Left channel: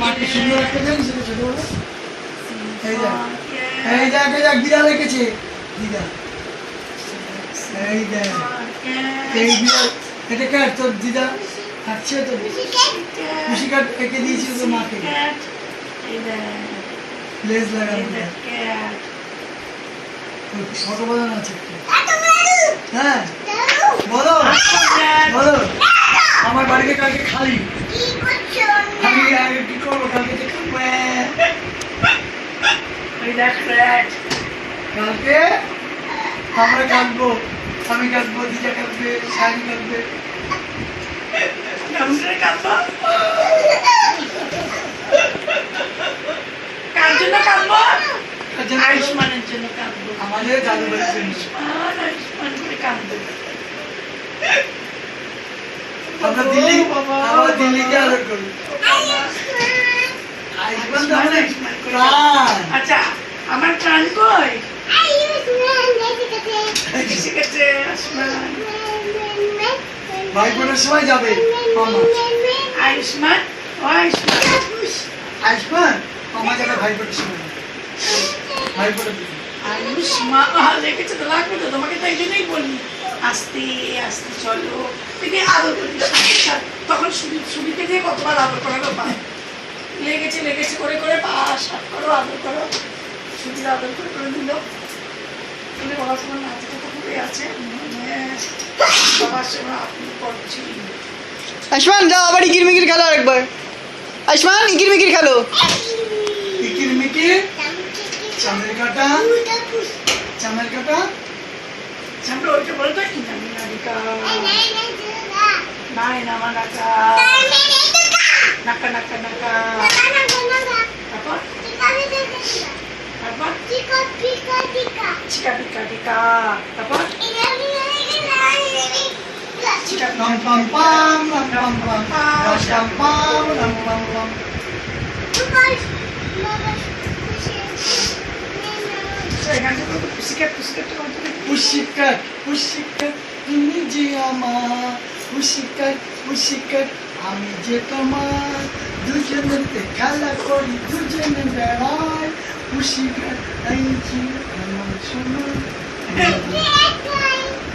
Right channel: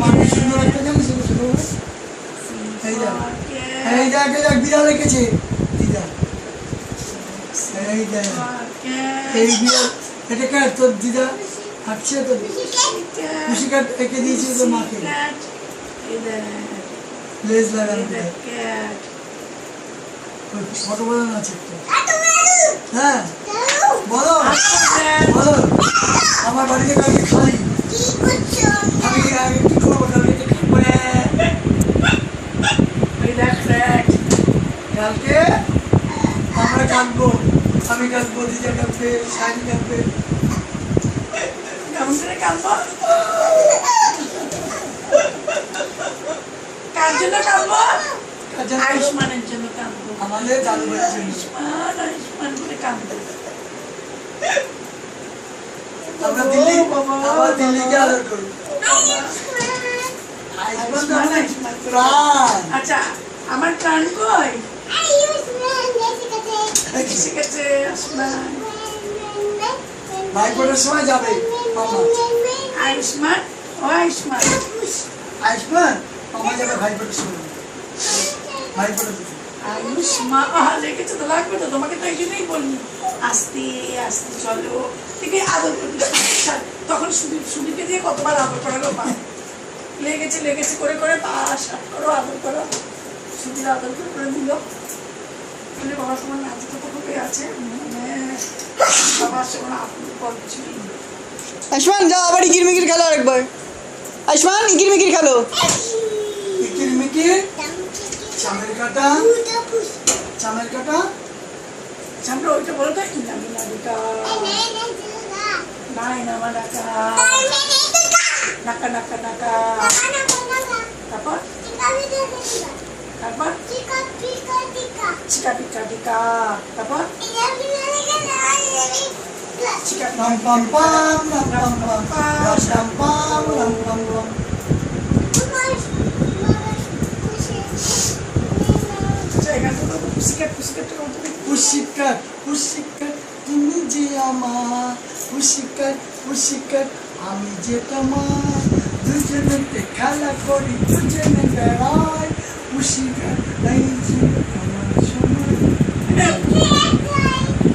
মাটি সুন্দর একটা জানিস ছোটবেলা এই দেখ দিদা রেখেছে দিদা এই দেখ এই বিড়াল এটা কার তোর দিদা হাঁটছে তো খুশি কাট এঁকে দিয়েছিল তোর মাকে লেজ লাগানো ফটো বানানো আছে হ্যাঁ বলো বলো আমার বাড়িতে কালকে খালি আমি আগে কি করবো কালকে কালকে আমরা কাঁদবো আমি কাঁদবো দিদা কাঁদবে শাড়ি কাঁদবে কার জন্য কাঁদবো? আয়ুষ্মানের জন্য কাঁদবো। আমাদের দাদু আয়ুষ্মান করে কাঁদবো। আমরা দিল্লিকে আদর করি আচ্ছা আমার প্রাণ কই ভাইফোঁটার সময় যাবে আয়ুষ্মান ও আয়ুষ্মান আয়ুষ্মান মামা যাবে ভাইফোঁটার সময় ভাইফোঁটা আয়ুষ্মান লেগেছে তো লাগবে তো তোমাকে তো এই জন্যই বলি আস্তে আস্তে চলো তুমি আদর করবি তখন সুবিধে দিয়ে কতবার আদর করারও পায় লেগেছে করে করে পাশ করো আদর করো সুবিধা আদর করে করে দিল তুমি বাবার সময় নাচে তো খুবই আছে বাবার সময় আপনি করছি আয়ুষ্মান যাও আবার ইকির মিকির খেলো আরেকবার আয়ুষ্মান ইকির মিকির খেলো ইকির মিকির চামের কাটা সামনে ওইটা বলো তো ইনামিনারিকা নাই নামা নাকা নাকা নাকা নাকা তারপর চিকা পিকা টিকা তারপর চিকা pam pam pam pam pam pam pam pam pam পুশিকাট তুমি যে আমার পুশিকাট আমি যে তোমার দুজনেতে খেলা করি দুজনে বেড়াই পুশিকাট এই যে আমার সময়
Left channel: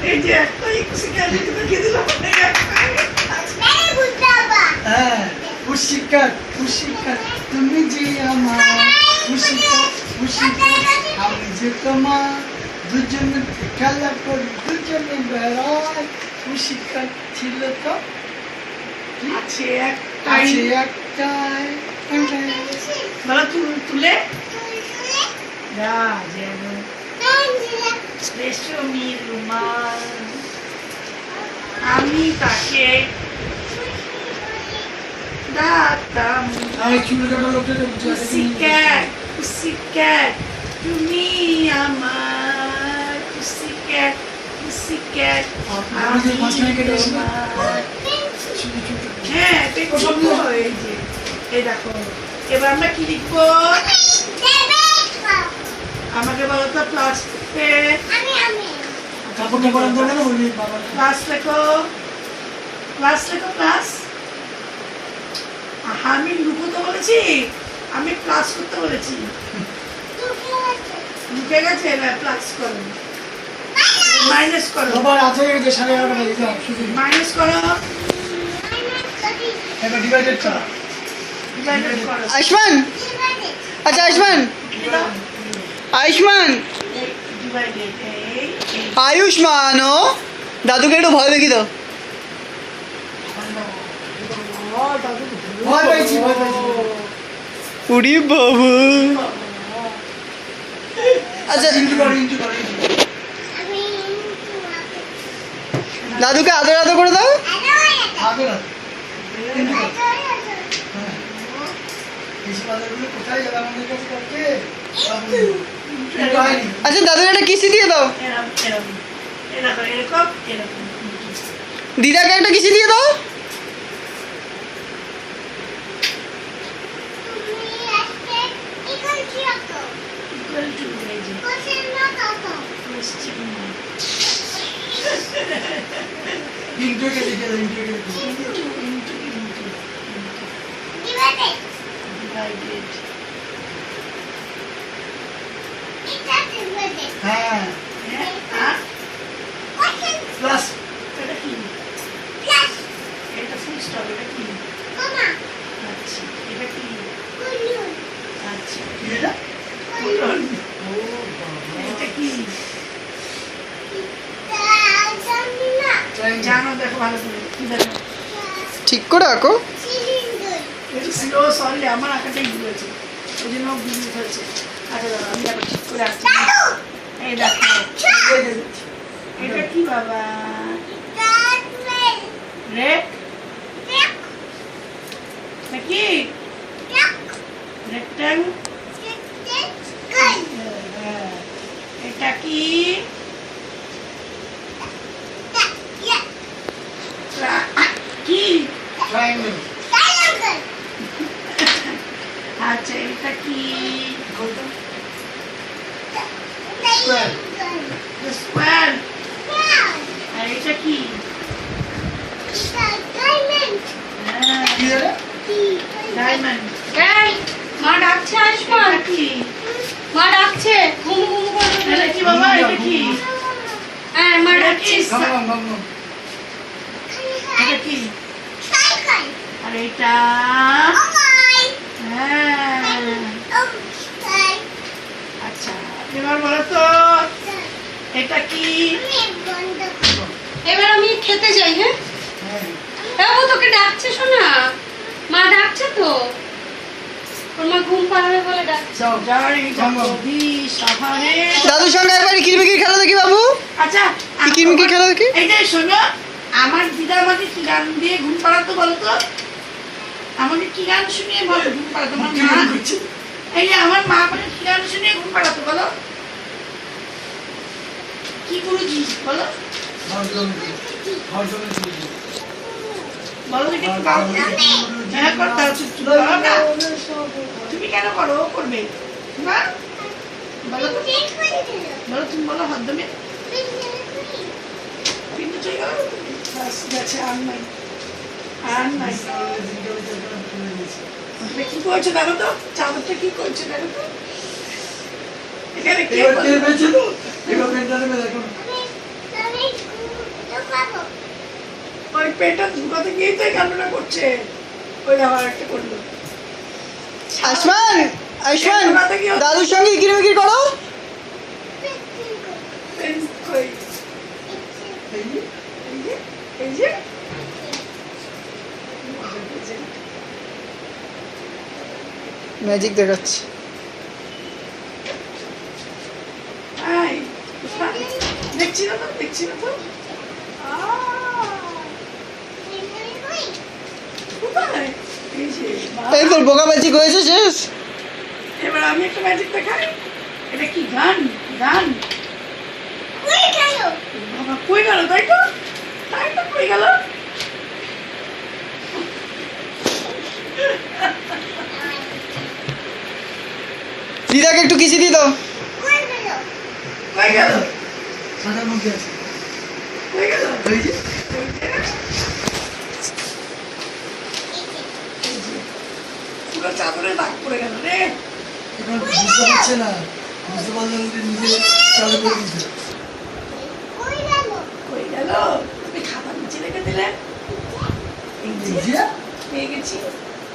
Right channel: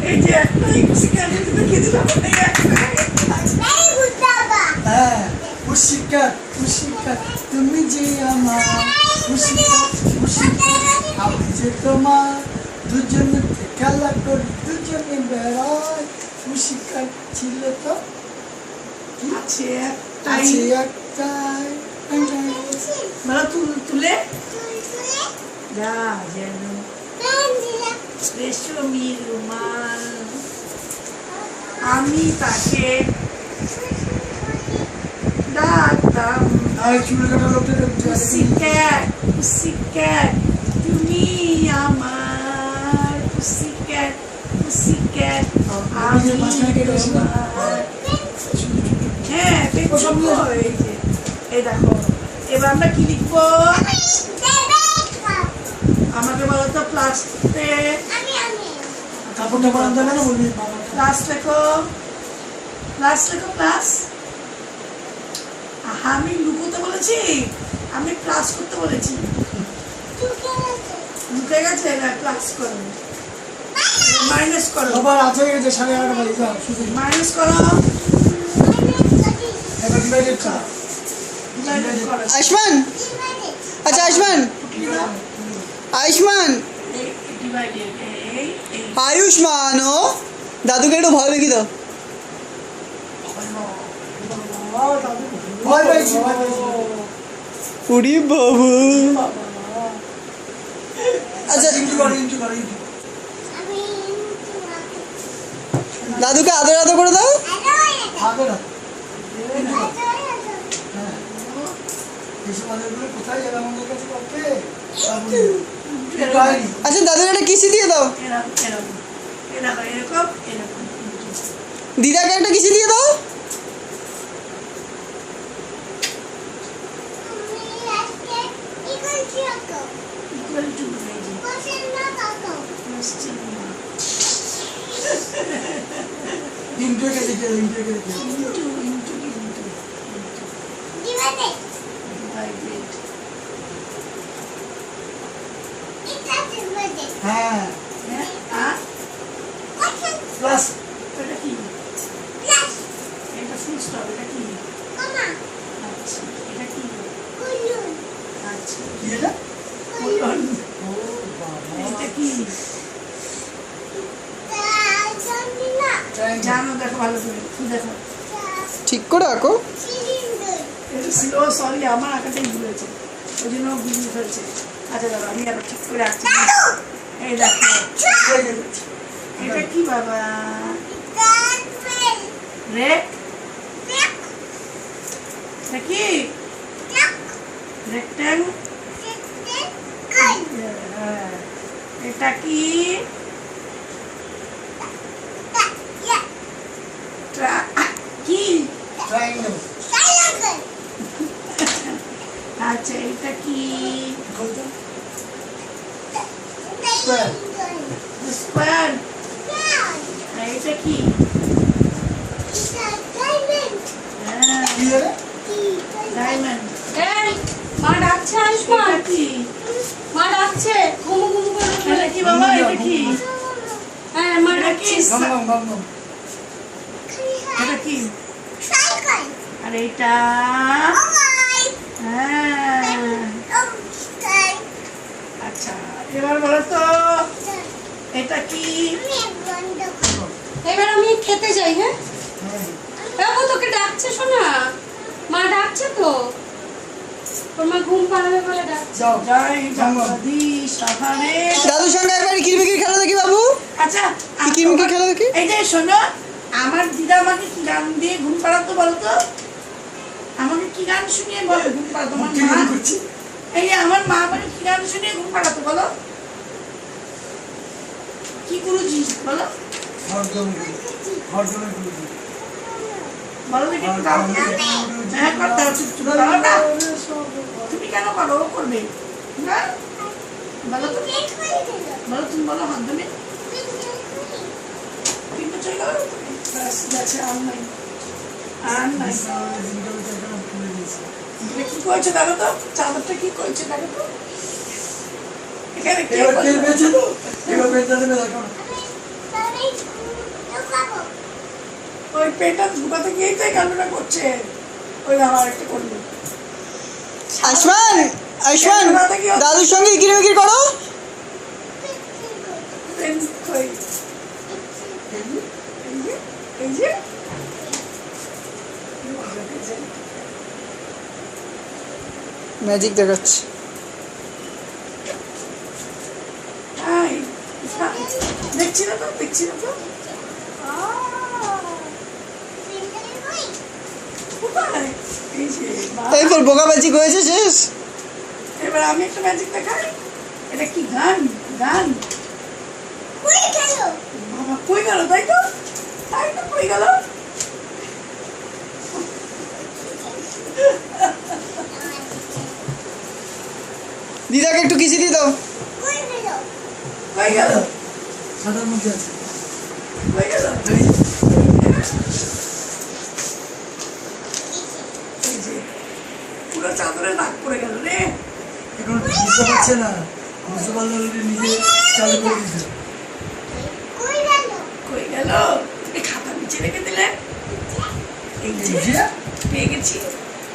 এই যে একটাই পুশিকাট দেখে দিলাম হ্যাঁ পুশিকাট তুমি যে আমার পুশিকাট আমি যে তোমার দুজনে খেলা করি দুজনে বেড়াই পুশিকাট ছিল তো আছে একটাই বলো তুলে যা যেন রেশমি রুমাল আমি তাকে ডাকতাম পুসিক্যাট তুমি আমার পুসিক্যাট আমি তোমার হ্যাঁ এই দেখো এবার আমরা কি লিখবো আমাকে বলো তো প্লাস কাপড়টা বানাতে হবে না বলবি প্লাস লেখো প্লাস আমি লুকোতে বলেছি আমি প্লাস করতে বলেছি লুকে গেছে এবার প্লাস করো মাইনাস করো বাবা রাত হয়ে গেছে 11:30 বাজে যাও শুধু মাইনাস করো এবার ডিভাইডেড করো আয়ুষ্মান আচ্ছা আয়ুষ্মান ও দাদুকে একটু ভয় দেখি দাও ভয় পাইছি উড়ি বাবু আচ্ছা দাদুকে আদর করে দাও কোথায় যাবে আমাদের কাছে করতে আচ্ছা দাদুর একটা কিসি দিয়ে দাও এরকম দিদাকে একটা কিসি দিয়ে দাও I did. হ্যাঁ হ্যাঁ প্লাস এটা কি এটা ফুল স্টপ এটা কি আচ্ছা এটা কি আচ্ছা কি এটা বলুন, ও বাবা এটা কি ট্রায়াঙ্গেল জানো দেখো ভালো করে কি দেখো ঠিক করে আঁকো। এটা ও সরি আমার আঁকাটাই ভুল হয়েছে ওই জন্য বুঝতে ফেলছে আচ্ছা দাদা আমি আবার ঠিক করে আঁকছি এই দেখো এটা কি বাবা রেক নাকি রেক্ট্যাং এটা কি কি ট্রায়াঙ্গেল আচ্ছা এটা কি বলতো স্কয়ার স্কোয়ার এটা কি কি এটা ডায়মন্ড এই মা ডাকছে আয়ুষ্মান এটা কি মা ডাকছে ঘুমু ঘুমু করে এটা কি বাবা এটা কি হ্যাঁ মা এটা ডাকছে কি গম গম গম এটা কি আর এটা হ্যাঁ আচ্ছা এবার বলো তো এটা কি এবার আমি খেতে যাই হ্যাঁ হ্যাঁ বাবু তোকে ডাকছে শোনা মা ডাকছে তো ওর মা ঘুম পাড়াবে বলে ডাকছে যাও জয় গম গম জগদী সাহারে দাদুর সঙ্গে একবার কিরমিকির খেলা দেখি বাবু। আচ্ছা কিরমিকির খেলা দেখি। এই যে শোনো আমার দিদা আমাকে কি গান দিয়ে ঘুম পাড়াতো বলতো আমাকে কি গান শুনিয়ে বলো ঘুম পাড়াতো আমার কি মা মনে করছি এই যে আমার মা আমাকে কি গান শুনিয়ে ঘুম পাড়াতো বলো কি গুরুজি বলো বলো দেখি একটু গাও হ্যাঁ করতে হবে চুপ চুপ করো না তুমি কেন করো ও করবে না বলো তো বলো তুমি বলো হাত দেবে কিন্তু চাই গেল গেছে আর নাই আর নাই এটা কি করছে দেখো তো চাদরটা কি করছে দেখো তো এখানে কে এবার কে করলো? বেঁচে তো এবার পেটটা নেবে দেখো ওই পেটটা ঢুকাতে গিয়েই তো এই কান্ডটা করছে ওই আবার একটা করলো আয়ুষ্মান আয়ুষ্মান দাদুর সঙ্গে কিরমিকির করো। কই এই যে, এই যে এই যে ম্যাজিক দেখাচ্ছি। এই, দেখছি না তো দেখছি না তো কোথায়? এই যে, বাহ। এই তোর বোকা ম্যাজিক হয়েছে শেষ। এবার আমি একটা ম্যাজিক দেখাই এটা কি গান গান বাবা কই গেল তাই তো কই গেল দিদাকে একটু কিসি দিয়ে দাও। কই গেল সাদার মধ্যে আছে কই গেল এই যে এই যে, পুরো চাদরে দাগ পড়ে গেল রে এখন বুঝতে পারছে না বুঝতে পারলে নিজে চালু করে দিতে কই গেল তুমি খাতা নিচে রেখে দিলে এই যে এই যে পেয়ে গেছি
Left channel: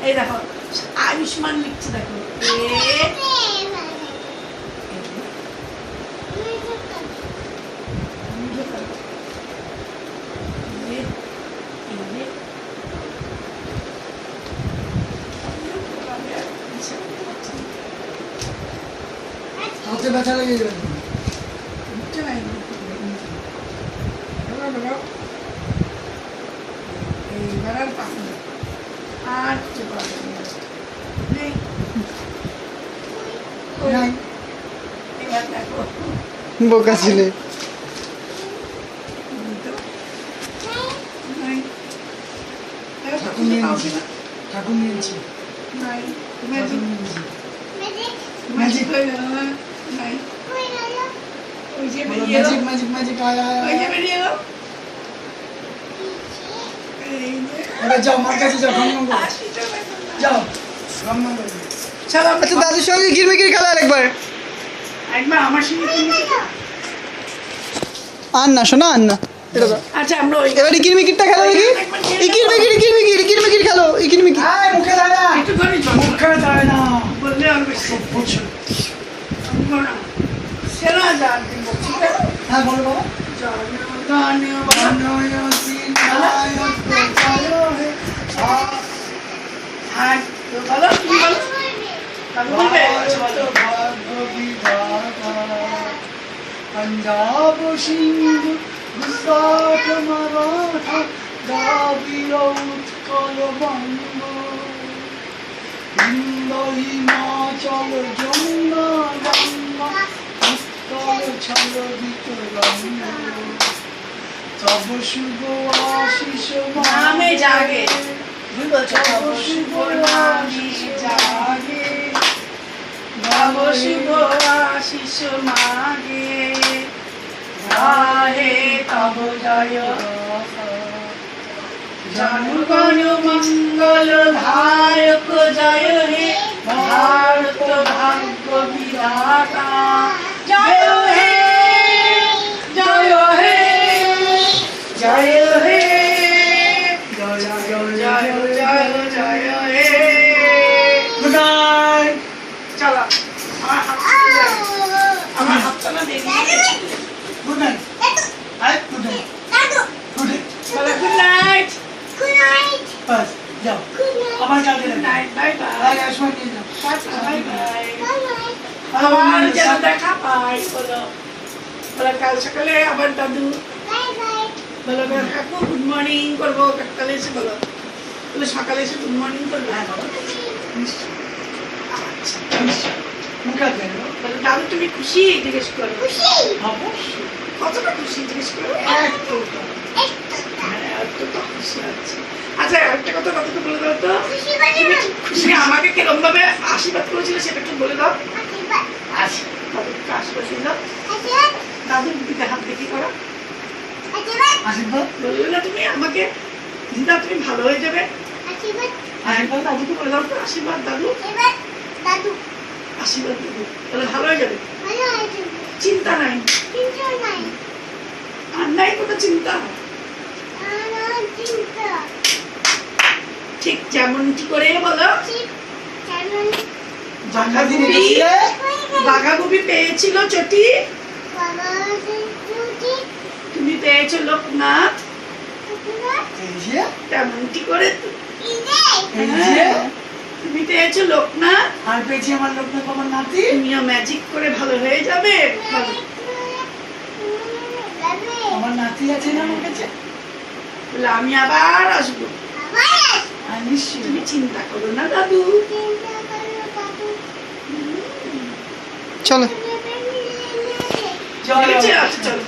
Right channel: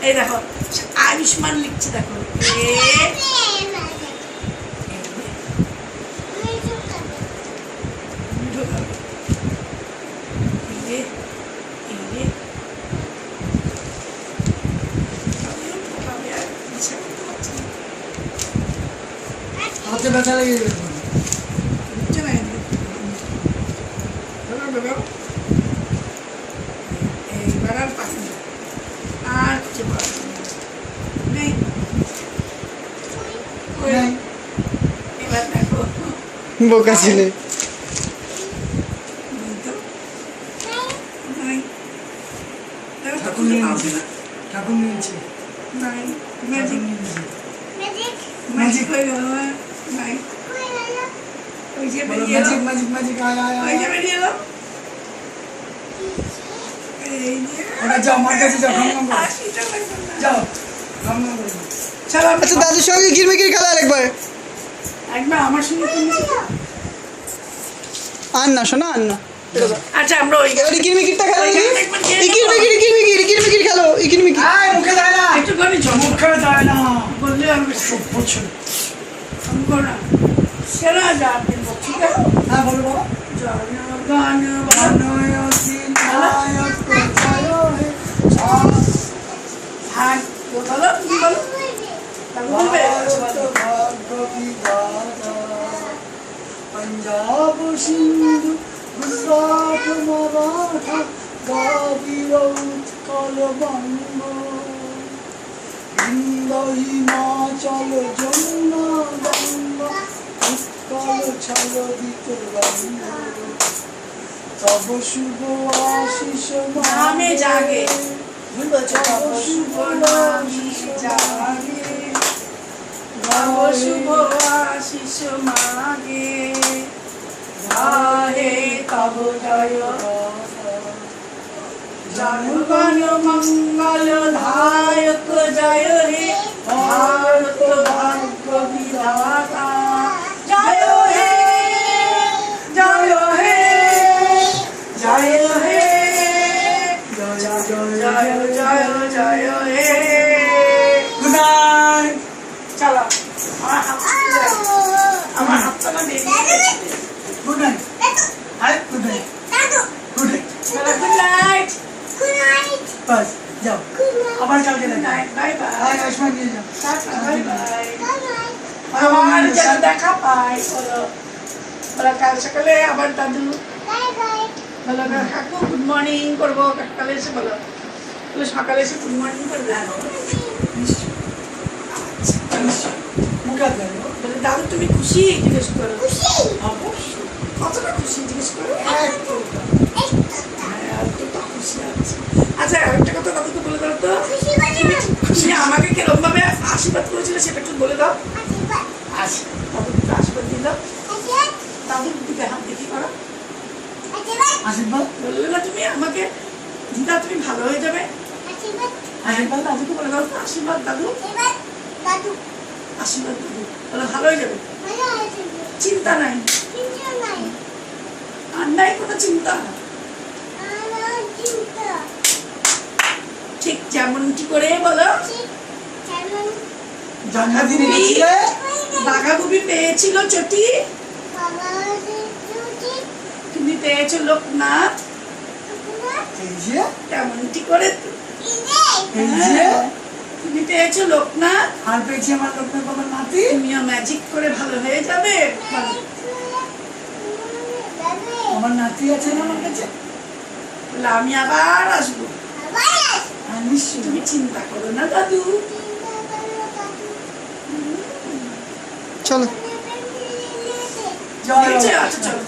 এই দেখো আয়ুষ্মান লিখছে দেখো হাতে ব্যথা লেগে যাবে এইবার আর পাখি আর কিছু করার নেই নাই। এবার দেখো বোকা ছিলে। নাই দেখো তো ঠাকুর খুঁজে নিয়ে পাও নিয়েছি কিনা ঠাকুর নিয়েছি নাই ঠাকুর ম্যাজিক নিয়ে নিয়েছি ম্যাজিক হয়ে গেল না নাই ওই যে বেরিয়ে এলো ম্যাজিক ম্যাজিক ম্যাজিক আয় আয় ওই আয় যে বেরিয়ে এলো এই যে এবার যাও মার কাছে যাও গম গম করো। আর কিছু হইলো না। যাও রান্না করবে। চলো আচ্ছা দাদুর সঙ্গে কিরমিকির খেলা আরেকবার। একবার আমার সঙ্গে তুমি আর না শোনা আর না। এটা দাও। আচ্ছা আমরা ওই এবারে কিরমিকিরটা খেলো দেখি। এই কিরমিকির খেলো এই কিরমিকির। আয়, মুখে দেয় না। একটুখানি জল মুখে দেয় না। বললে আর বেশি খুব প্রচুর। আমি করো না সেরা যান ঠিক আছে হ্যাঁ, বলো বাবা। গান হ্যাঁ বলো তুমি বলো বলবে पंजाब सिंधु गुजरात मराठा द्राविड़ उत्कल बंग हिंद हिमाचल जमुना गंगा उत्कल छलदित रंग तब शुभ आशीष नामे जागे तब शुभ आशीष जागे तब शुभ आशीष मागे गाहे तब जय जनगण मंगल धायक जय हे भारत भाग्य विधाता जय हे जय हे जय हे जय जय जय हे गुड नाइट चलो আমার হাতটা না দেখি good night hi good night good night চলো গুড নাইট बस जाओ আবার কাল দিন গুড নাইট বাই বাই আয় আসমা দিয়ে যাও টাটা বাই বাই আবার যেন দেখা পাই বলো বলো কাল সকালে আবার দাদু বলো কাকু গুড মর্নিং করবো সকালে এসে বলো বলো সকালে এসে গুড মর্নিং করবে হ্যাঁ বলো মুখে দেয় বলো দাদু তুমি খুশি জিজ্ঞেস করো অবশ্যই কতটা খুশি জিজ্ঞেস করো এতটা হ্যাঁ এতটা খুশি আছে আচ্ছা একটা কথা দাদুকে বলে দাও তো তুমি আমাকে কিরকম ভাবে আশীর্বাদ করেছিলে সেটা একটু বলে দাও দাদুকে আশীর্বাদ দিয়ে দাও দাদুর দিকে হাত দেখি করো আশীর্বাদ বললে না তুমি আমাকে দিদা তুমি ভালো হয়ে যাবে আশীর্বাদ দাদুকে বলে দাও তো আশীর্বাদ দাদু আশীর্বাদ দিদি তাহলে ভালো হয়ে যাবে চিন্তা নাই আর নাই কোনো চিন্তা ঠিক যেমনটি করে বলো জন্মদিনে গেছিলে বাঘাগুবি পেয়েছিল চটি তুমি পেয়েছো লোকনাথ এই যে তেমনটি করে এই যে তুমি পেয়েছো লোকনাথ আর পেয়েছি আমার লোকনাথ আমার নাতি তুমিও ম্যাজিক করে ভালো হয়ে যাবে ভালো। আমার নাতি আছে না আমার কাছে বলে আমি আবার আসবো আর নিশ্চয়ই তুমি চিন্তা করো না দাদু চলো জয় ঠিক আছে বাবা। আচ্ছা চলো